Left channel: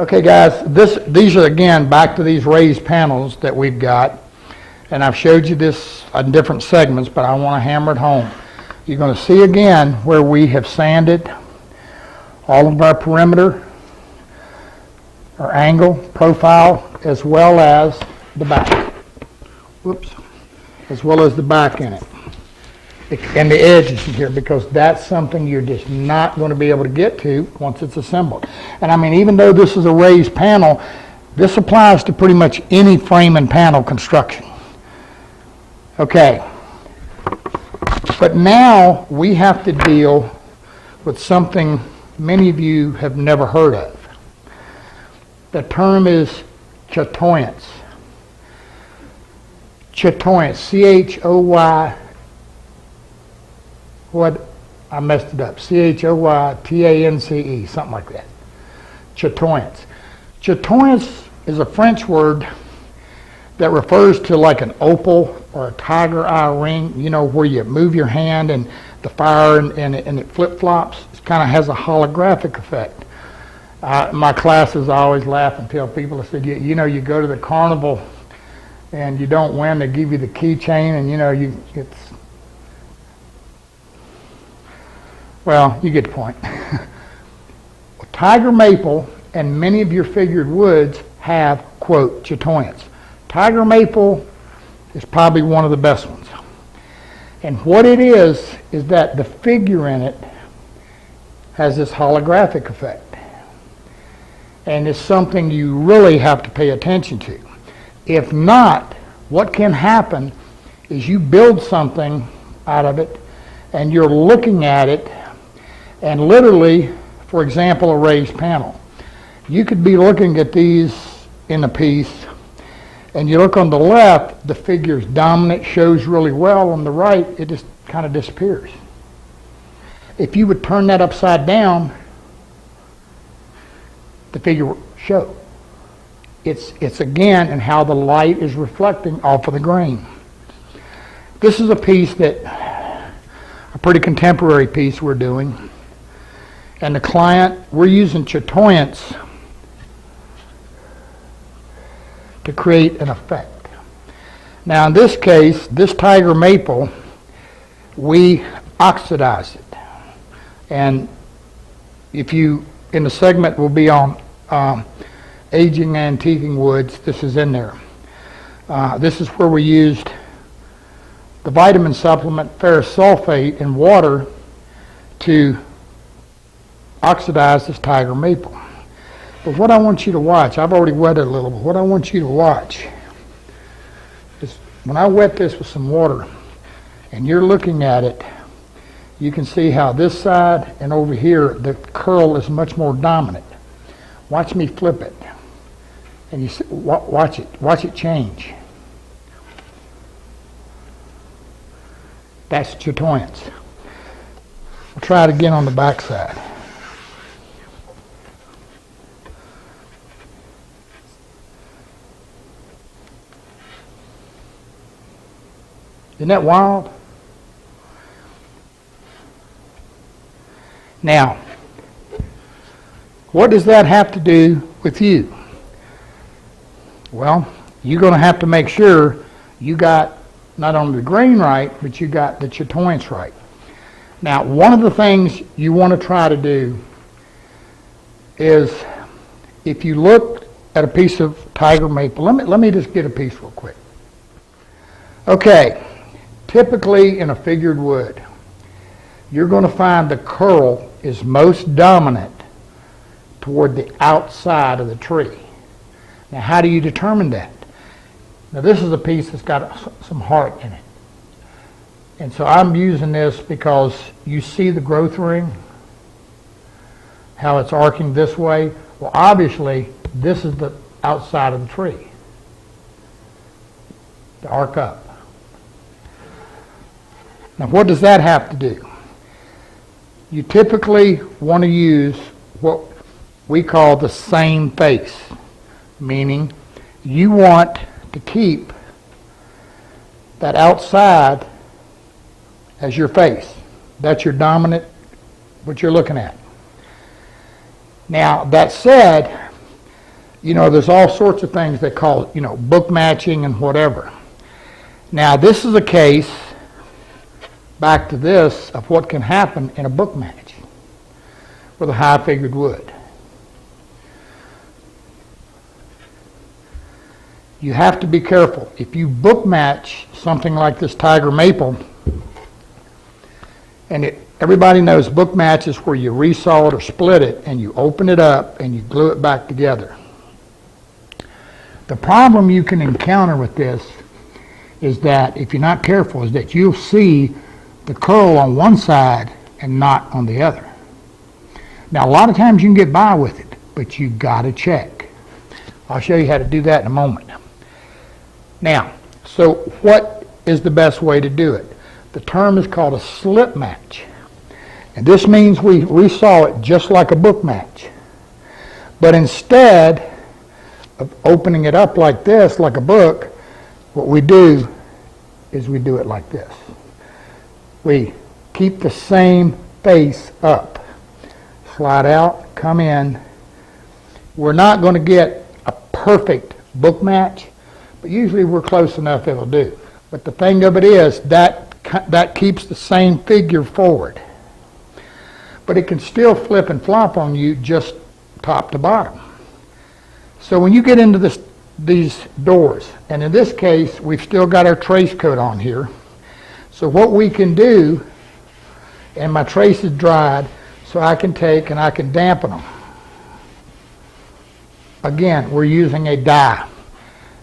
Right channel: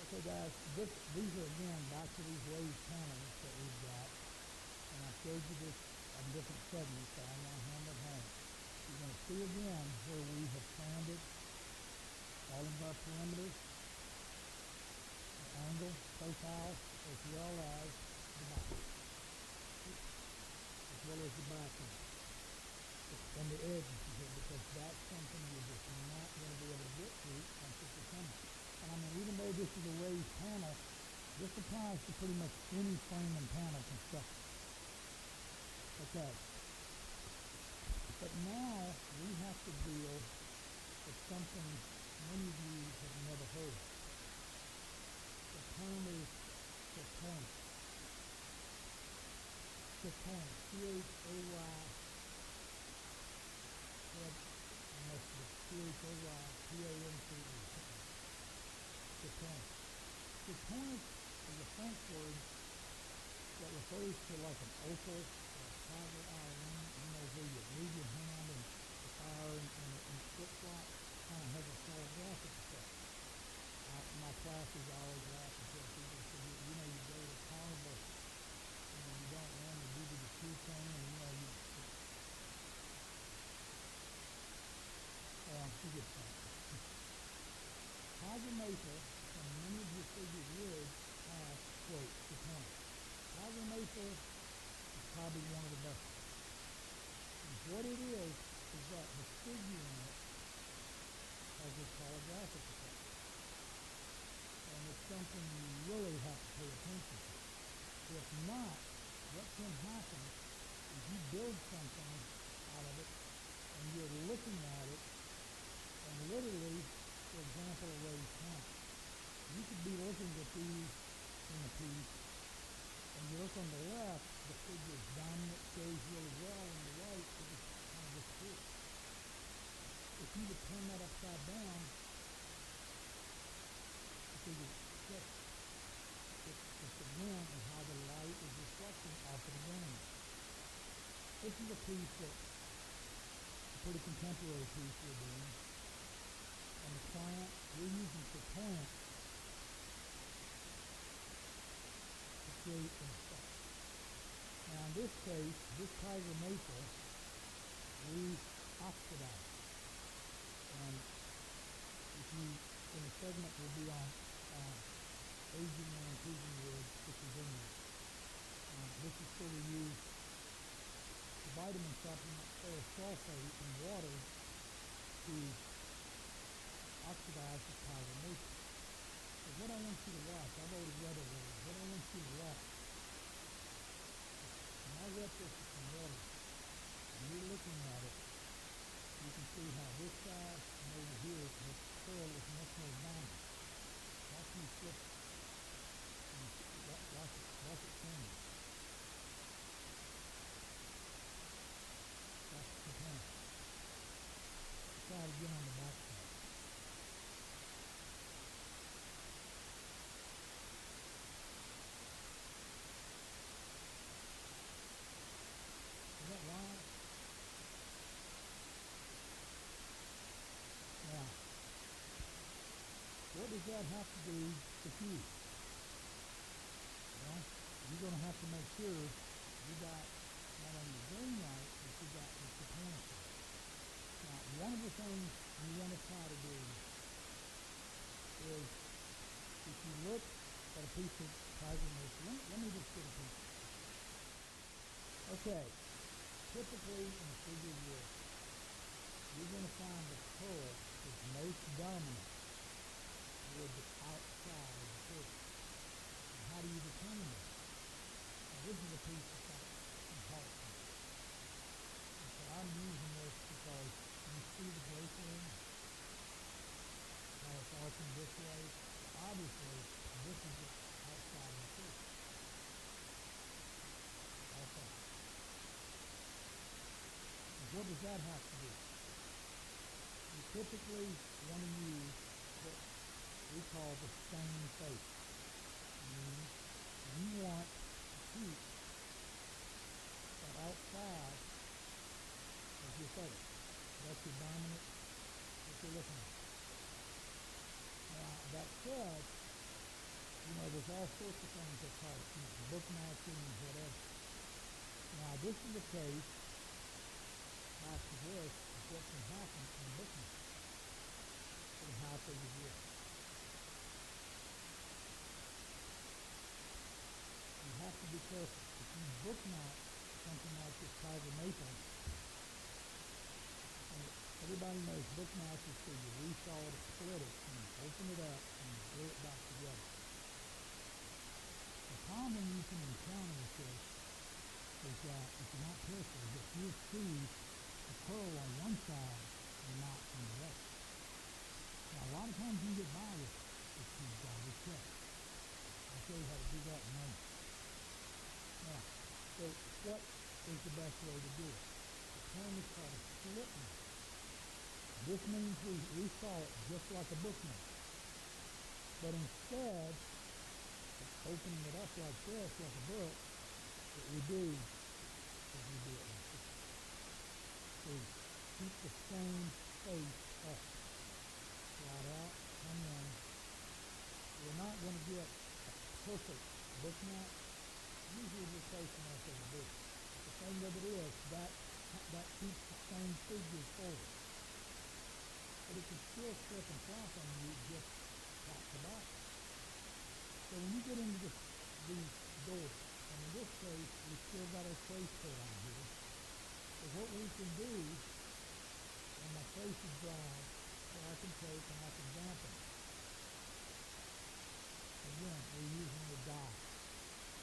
Okay guys, these are again back to these raised panels that we've got, and I've showed you this in different segments, but I want to hammer it home. You're going to see again where we have sanded all of our perimeter, our angle, profile, as well as the back. Whoops. As well as the back in it. And the edges in here, because that's something you're just not going to be able to get to once it's assembled. And I mean, even though this is a raised panel, this applies to pretty much any frame and panel construction. Okay. But now we have to deal with something many of you have never heard of. The term is chatoyance. Chatoyance, C-H-O-Y, what, I messed it up, C-H-O-Y-T-A-N-C-E, something like that. Chatoyance. Chatoyance is a French word that refers to like an opal or a tiger eye ring, you know, where you move your hand and the fire and it flip-flops. It kind of has a holographic effect. My classes, I always laugh and tell people, I said, you know, you go to the carnival and you don't win, they give you the keychain, and you know, it's, well, you get the point. Tiger maple and many of your figured woods have, quote, chatoyance. Tiger maple is probably one of the best ones. And what it is that the figure in it has this holographic effect. And it's something you really have to pay attention to. If not, what can happen is you build something out of it and you're looking at it, and literally, for example, a raised panel. You could be looking at these in a piece, and you look on the left, the figure's dominant, shows really well. On the right, it just kind of disappears. If you would turn that upside down, the figure will show. It's again in how the light is reflecting off of the grain. This is a piece that, a pretty contemporary piece we're doing. And the client, we're using chatoyance to create an effect. Now in this case, this tiger maple, we oxidize it. And if you, in the segment will be on aging antiquing woods, this is in there. This is where we used the vitamin supplement ferrous sulfate in water to oxidize this tiger maple. But what I want you to watch, I've already wet it a little, but what I want you to watch is when I wet this with some water and you're looking at it, you can see how this side and over here the curl is much more dominant. Watch me flip it, and you see, watch it change. That's chatoyance. We'll try it again on the back side. Isn't that wild? Now, what does that have to do with you? Well, you're going to have to make sure you got not only the grain right, but you got the chatoyance right. Now, one of the things you want to try to do is, if you look at a piece of tiger maple, let me just get a piece real quick. Okay, typically in a figured wood, you're going to find the curl is most dominant toward the outside of the tree. Now, how do you determine that? Now, this is a piece that's got some heart in it. And so I'm using this because you see the growth ring, how it's arcing this way. Well, obviously, this is the outside of the tree, to arc up. Now, what does that have to do? You typically want to use what we call the same face, meaning you want to keep that outside as your face. That's your dominant, what you're looking at. Now, that said, You know, there's all sorts of things they call, you know, book matching and whatever. Now, this is a case, back to this, of what can happen in a book match with a high-figured wood. You have to be careful. If you book match something like this tiger maple, and everybody knows book match is where you resaw it or split it and you open it up and you glue it back together. The problem you can encounter with this is that, if you're not careful, is that you'll see the curl on one side and not on the other. Now, a lot of times you can get by with it, but you've got to check. I'll show you how to do that in a moment. Now, so what is the best way to do it? The term is called a slip match. And this means we resaw it just like a book match. But instead of opening it up like this, like a book, what we do is we do it like this. We keep the same face up. Slide out, come in. We're not going to get a perfect book match, but usually we're close enough it'll do. But the thing of it is that keeps the same figure forward. But it can still flip and flop on you just top to bottom. So when you get into these doors, and in this case, we've still got our trace coat on here. So what we can do, and my trace is dried, so I can take and I can dampen them. Again, we're using a dye.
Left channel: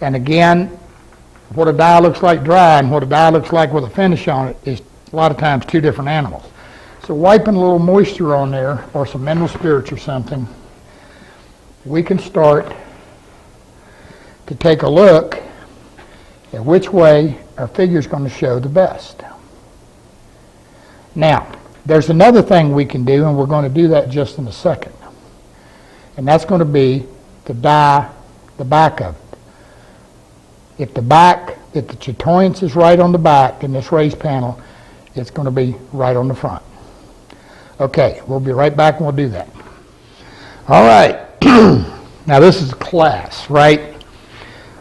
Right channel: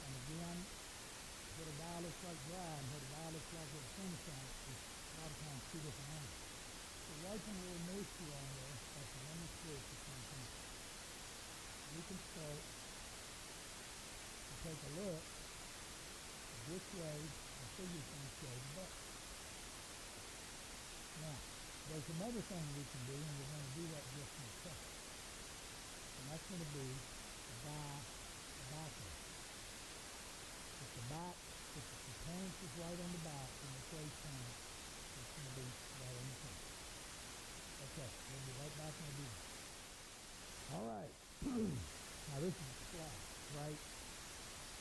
And again, what a dye looks like dry and what a dye looks like with a finish on it is a lot of times two different animals. So wiping a little moisture on there, or some mineral spirits or something, we can start to take a look at which way our figure is going to show the best. Now, there's another thing we can do, and we're going to do that just in a second. And that's going to be to dye the back of it. If the Chatoyance is right on the back in this raised panel, it's going to be right on the front. Okay, we'll be right back and we'll do that. All right. Now this is class, right?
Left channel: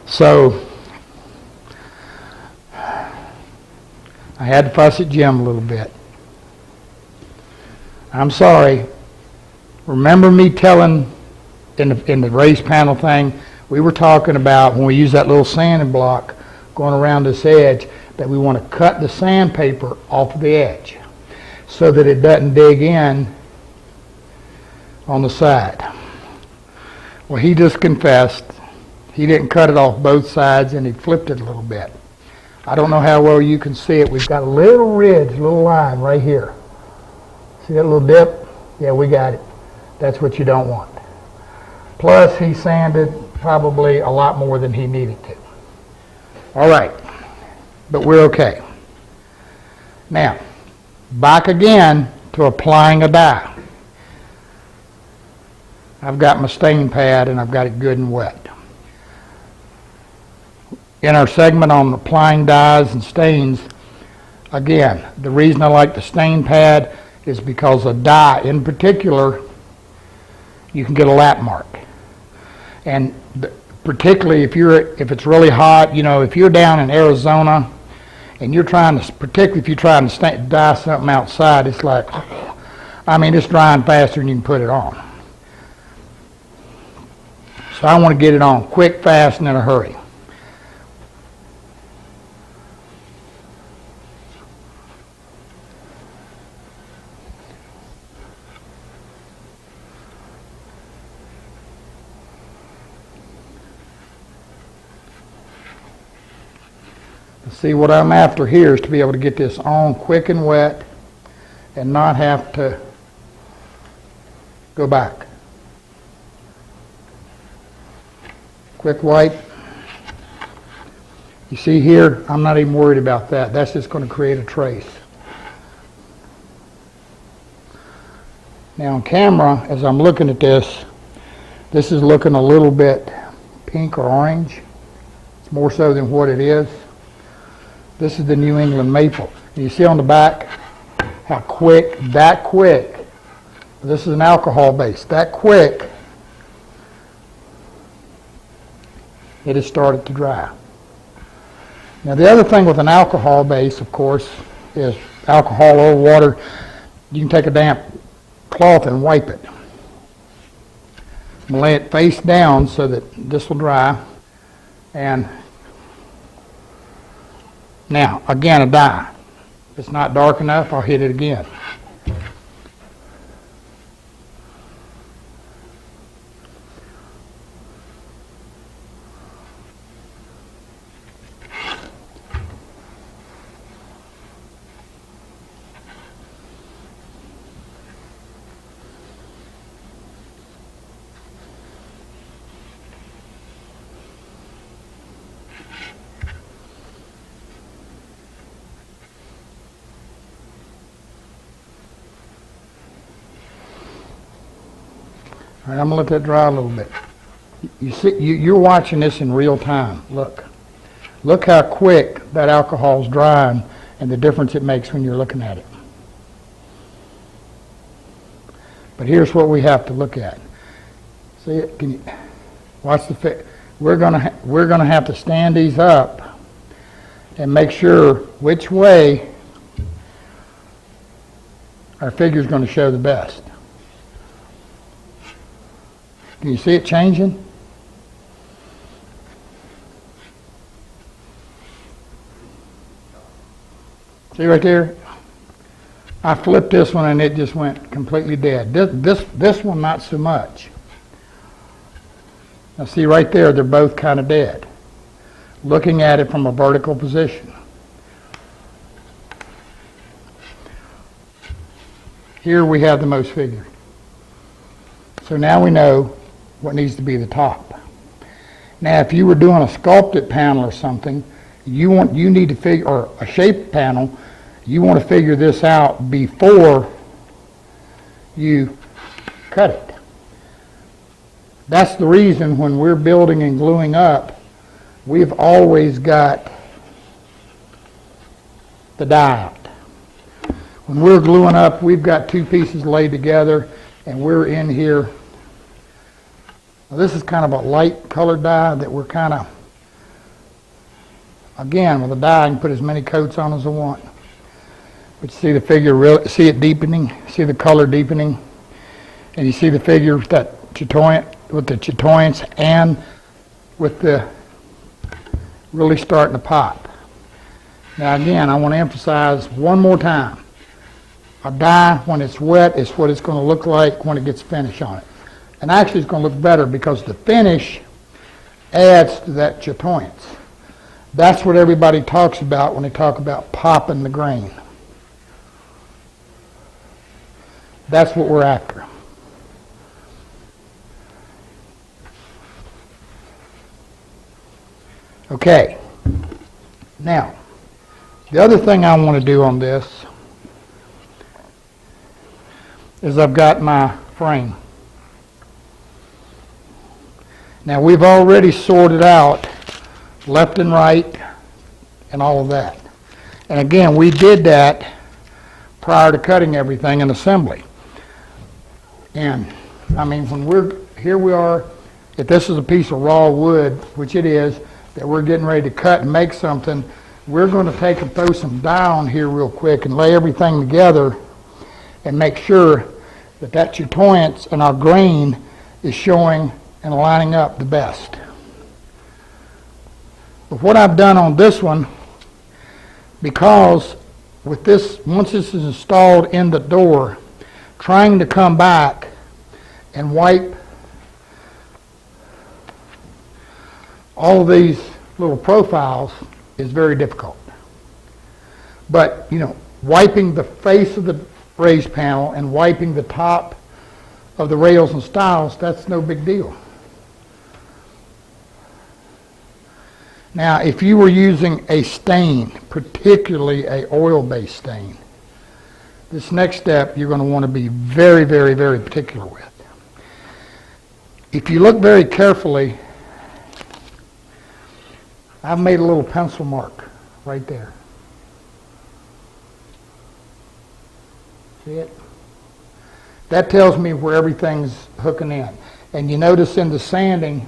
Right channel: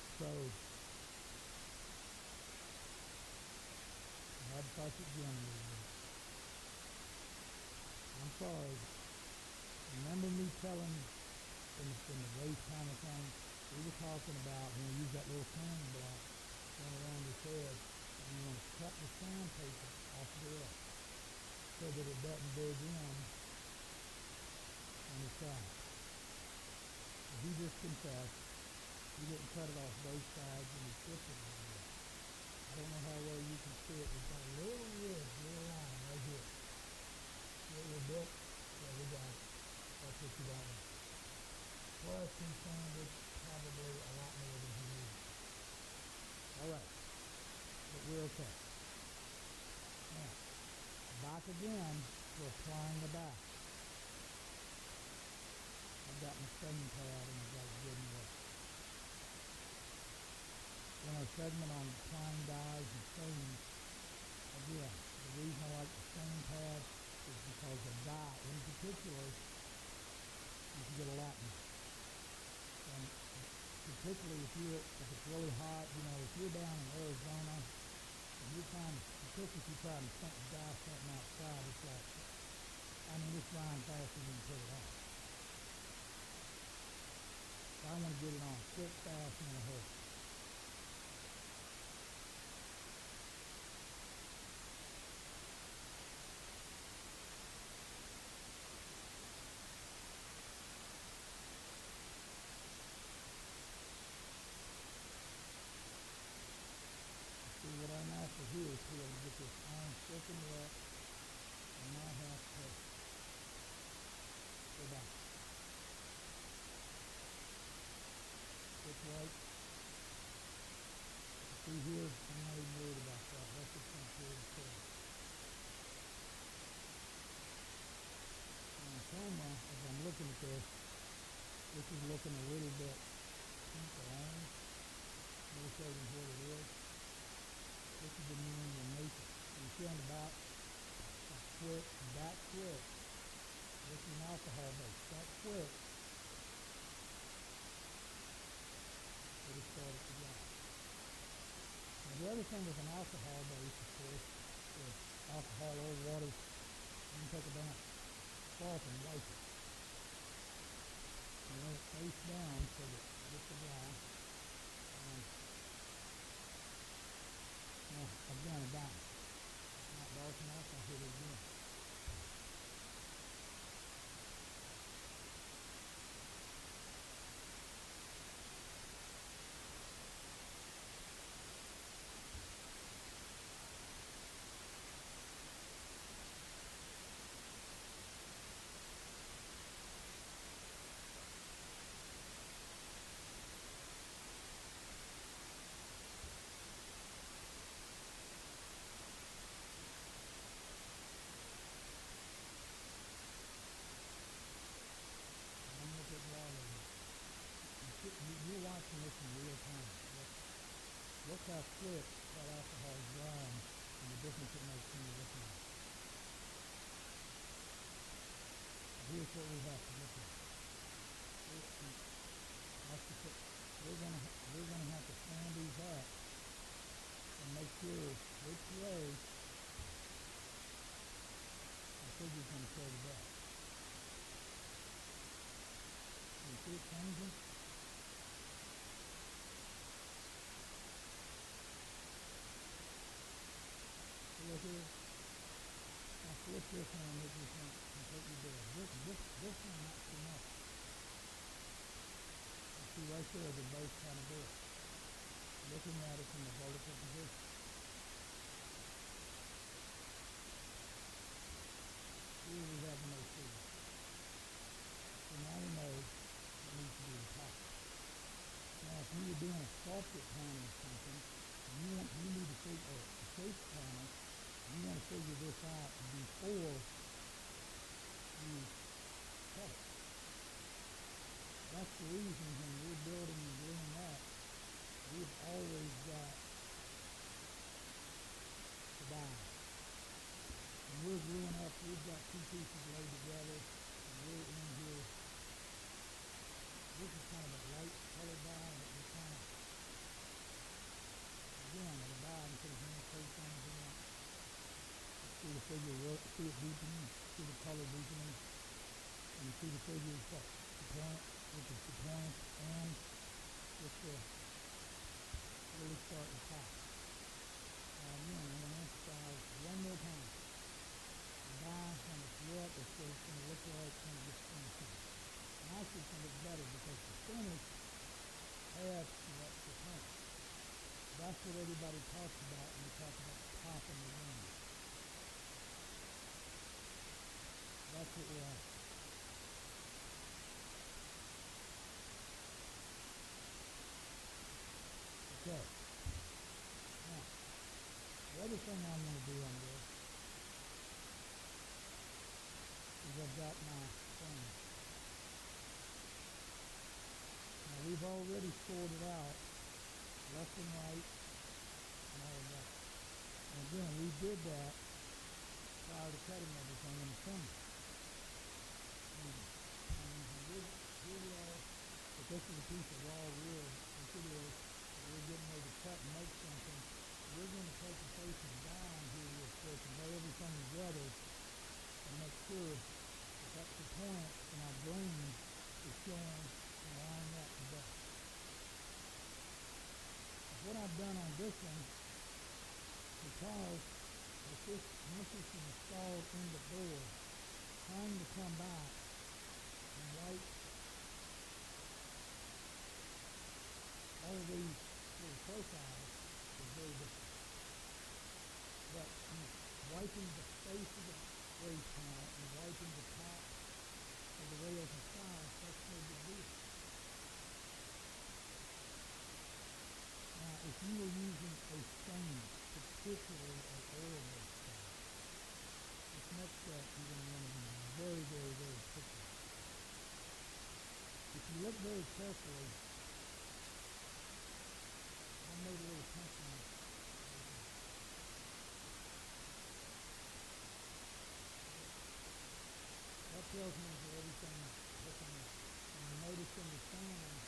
So I had to fuss at Jim a little bit. I'm sorry. Remember me telling in the raised panel thing, we were talking about when we use that little sanding block going around this edge, that we want to cut the sandpaper off of the edge so that it doesn't dig in on the side. Well, he just confessed he didn't cut it off both sides and he flipped it a little bit. I don't know how well you can see it. We've got a little ridge, a little line right here. See that little dip? Yeah, we got it. That's what you don't want. Plus, he sanded probably a lot more than he needed to. All right, but we're okay. Now, back again to applying a dye. I've got my stain pad and I've got it good and wet. In our segment on applying dyes and stains, again, the reason I like the stain pad is because a dye in particular, you can get a lap mark. And particularly if it's really hot, you know, if you're down in Arizona and you're trying to, particularly if you're trying to dye something outside, it's like, I mean, it's drying faster than you can put it on. So I want to get it on quick, fast, and in a hurry. See, what I'm after here is to be able to get this on quick and wet and not have to go back. Quick wipe. You see here, I'm not even worried about that. That's just going to create a trace. Now on camera, as I'm looking at this is looking a little bit pink or orange, more so than what it is. This is the New England maple. You see on the back how quick, that quick, this is an alcohol base, that quick it has started to dry. Now the other thing with an alcohol base, of course, is alcohol or water. You can take a damp cloth and wipe it. I'm going to lay it face down so that this will dry. And now, again, a dye. If it's not dark enough, I'll hit it again. All right, I'm going to let that dry a little bit. You see, you're watching this in real time. Look. Look how quick that alcohol's drying and the difference it makes when you're looking at it. But here's what we have to look at. See it? Can you watch the fit? We're going to have to stand these up and make sure which way our figure's going to show the best. Can you see it changing? See right there? I flipped this one and it just went completely dead. This one not so much. Now see right there, they're both kind of dead. Looking at it from a vertical position. Here we have the most figure. So now we know what needs to be the top. Now if you were doing a sculpted panel or something, you need to figure, or a shaped panel, you want to figure this out before you cut it. That's the reason when we're building and gluing up, we've always got the die out. When we're gluing up, we've got two pieces laid together and we're in here. Now, this is kind of a light colored dye that we're kind of, again, with a dye I can put as many coats on as I want. But you see the figure, see it deepening, see the color deepening, and you see the figure with that Chatoyance, with the Chatoyance and with the really starting to pop. Now again, I want to emphasize one more time. A dye, when it's wet, is what it's going to look like when it gets finish on it. And actually it's going to look better because the finish adds to that Chatoyance. That's what everybody talks about when they talk about popping the grain. That's what we're after. Okay. Now, the other thing I want to do on this is I've got my frame. Now we've already sorted out left and right and all of that. And again, we did that prior to cutting everything in assembly. And I mean, here we are, if this is a piece of raw wood, which it is, that we're getting ready to cut and make something, we're going to take and throw some dye on here real quick and lay everything together and make sure that that Chatoyance and our grain is showing and lining up the best. But what I've done on this one, because with this, once this is installed in the door, trying to come back and wipe all of these little profiles is very difficult. But, you know, wiping the face of the raised panel and wiping the top of the rails and stiles, that's no big deal. Now, if you were using a stain, particularly an oil-based stain, this next step you're going to want to be very, very, very particular with. If you look very carefully, I've made a little pencil mark right there. See it? That tells me where everything's hooking in. And you notice in the sanding,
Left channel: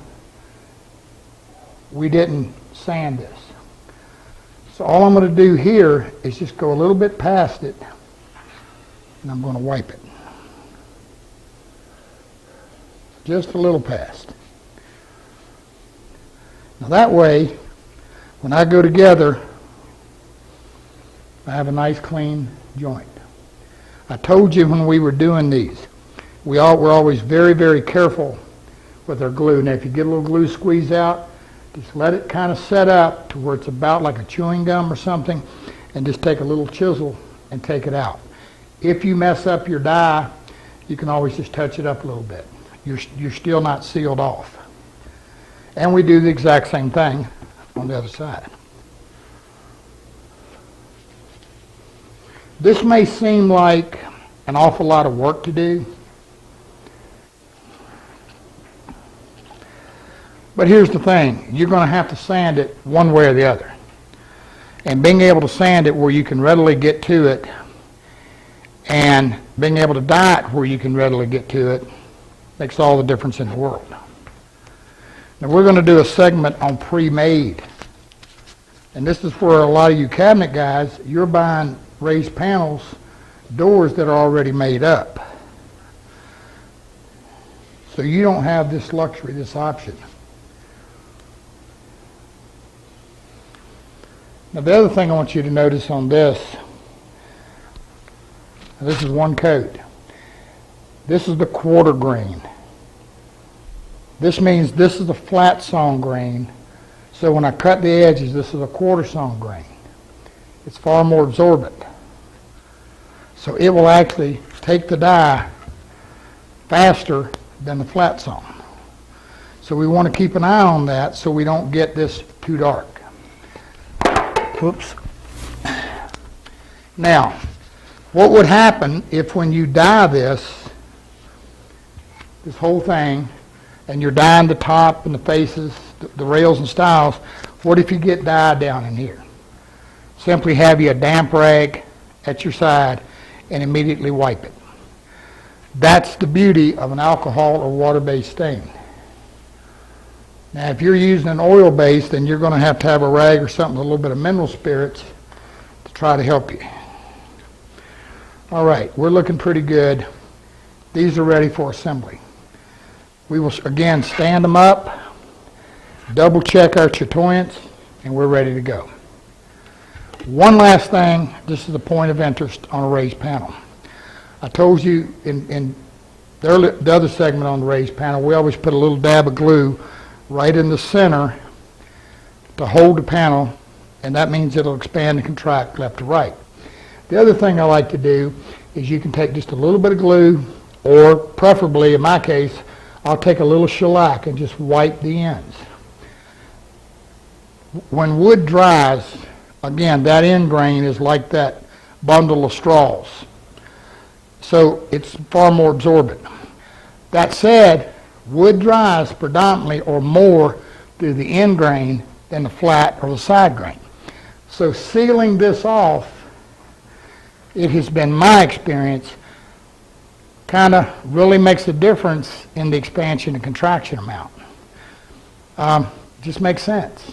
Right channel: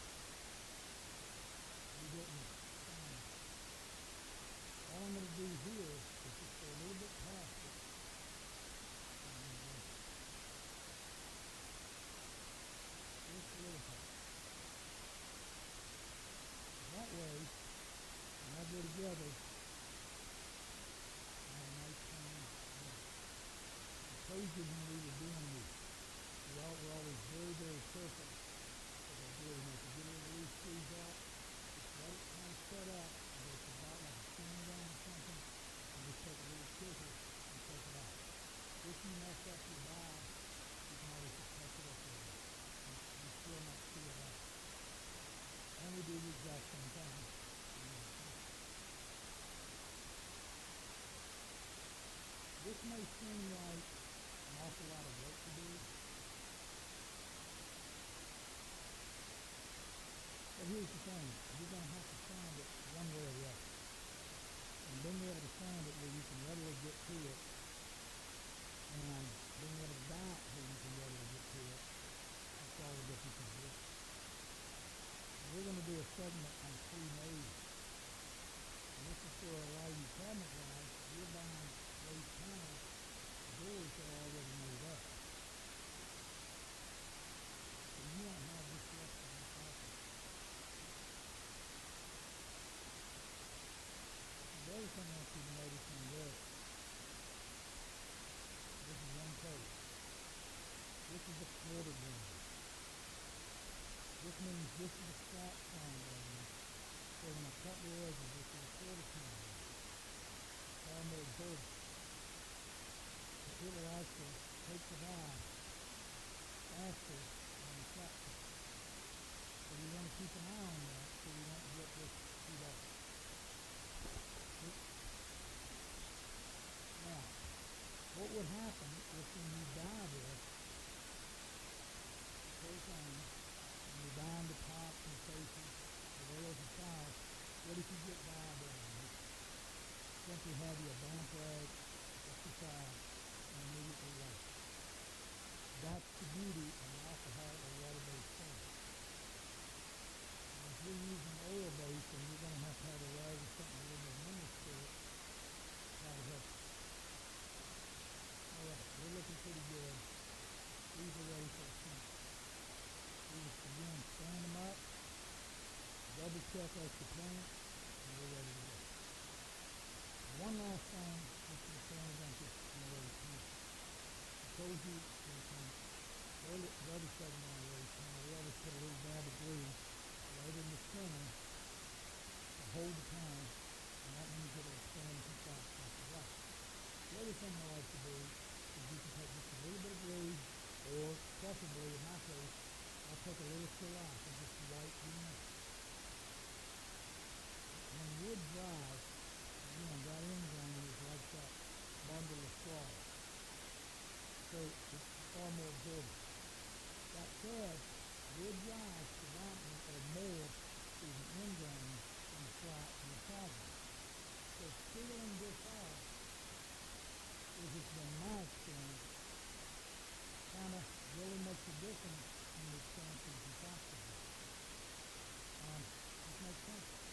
we didn't sand this. So all I'm going to do here is just go a little bit past it, and I'm going to wipe it. Just a little past. Now that way, when I go together, I have a nice clean joint. I told you when we were doing these, we're always very, very careful with our glue. Now if you get a little glue squeeze out, just let it kind of set up to where it's about like a chewing gum or something, and just take a little chisel and take it out. If you mess up your die, you can always just touch it up a little bit. You're still not sealed off. And we do the exact same thing on the other side. This may seem like an awful lot of work to do, but here's the thing. You're going to have to sand it one way or the other. And being able to sand it where you can readily get to it, and being able to dye it where you can readily get to it, makes all the difference in the world. Now we're going to do a segment on pre-made. And this is where a lot of you cabinet guys, you're buying raised panels, doors that are already made up. So you don't have this luxury, this option. Now the other thing I want you to notice on this is one coat. This is the quarter grain. This means this is a flat sawn grain. So when I cut the edges, this is a quarter sawn grain. It's far more absorbent. So it will actually take the dye faster than the flat sawn. So we want to keep an eye on that so we don't get this too dark. Whoops. Now, what would happen if when you dye this whole thing, and you're dyeing the top and the faces, the rails and stiles, what if you get dye down in here? Simply have you a damp rag at your side and immediately wipe it. That's the beauty of an alcohol or water-based stain. Now if you're using an oil base, then you're going to have a rag or something with a little bit of mineral spirits to try to help you. All right, we're looking pretty good. These are ready for assembly. We will again stand them up, double check our chatoyance, and we're ready to go. One last thing, this is a point of interest on a raised panel. I told you in the other segment on the raised panel, we always put a little dab of glue right in the center to hold the panel, and that means it'll expand and contract left to right. The other thing I like to do is you can take just a little bit of glue, or preferably in my case, I'll take a little shellac and just wipe the ends. When wood dries, again, that end grain is like that bundle of straws. So it's far more absorbent. That said, wood dries predominantly or more through the end grain than the flat or the side grain. So sealing this off, it has been my experience, kind of really makes a difference in the expansion and contraction amount. Just makes sense.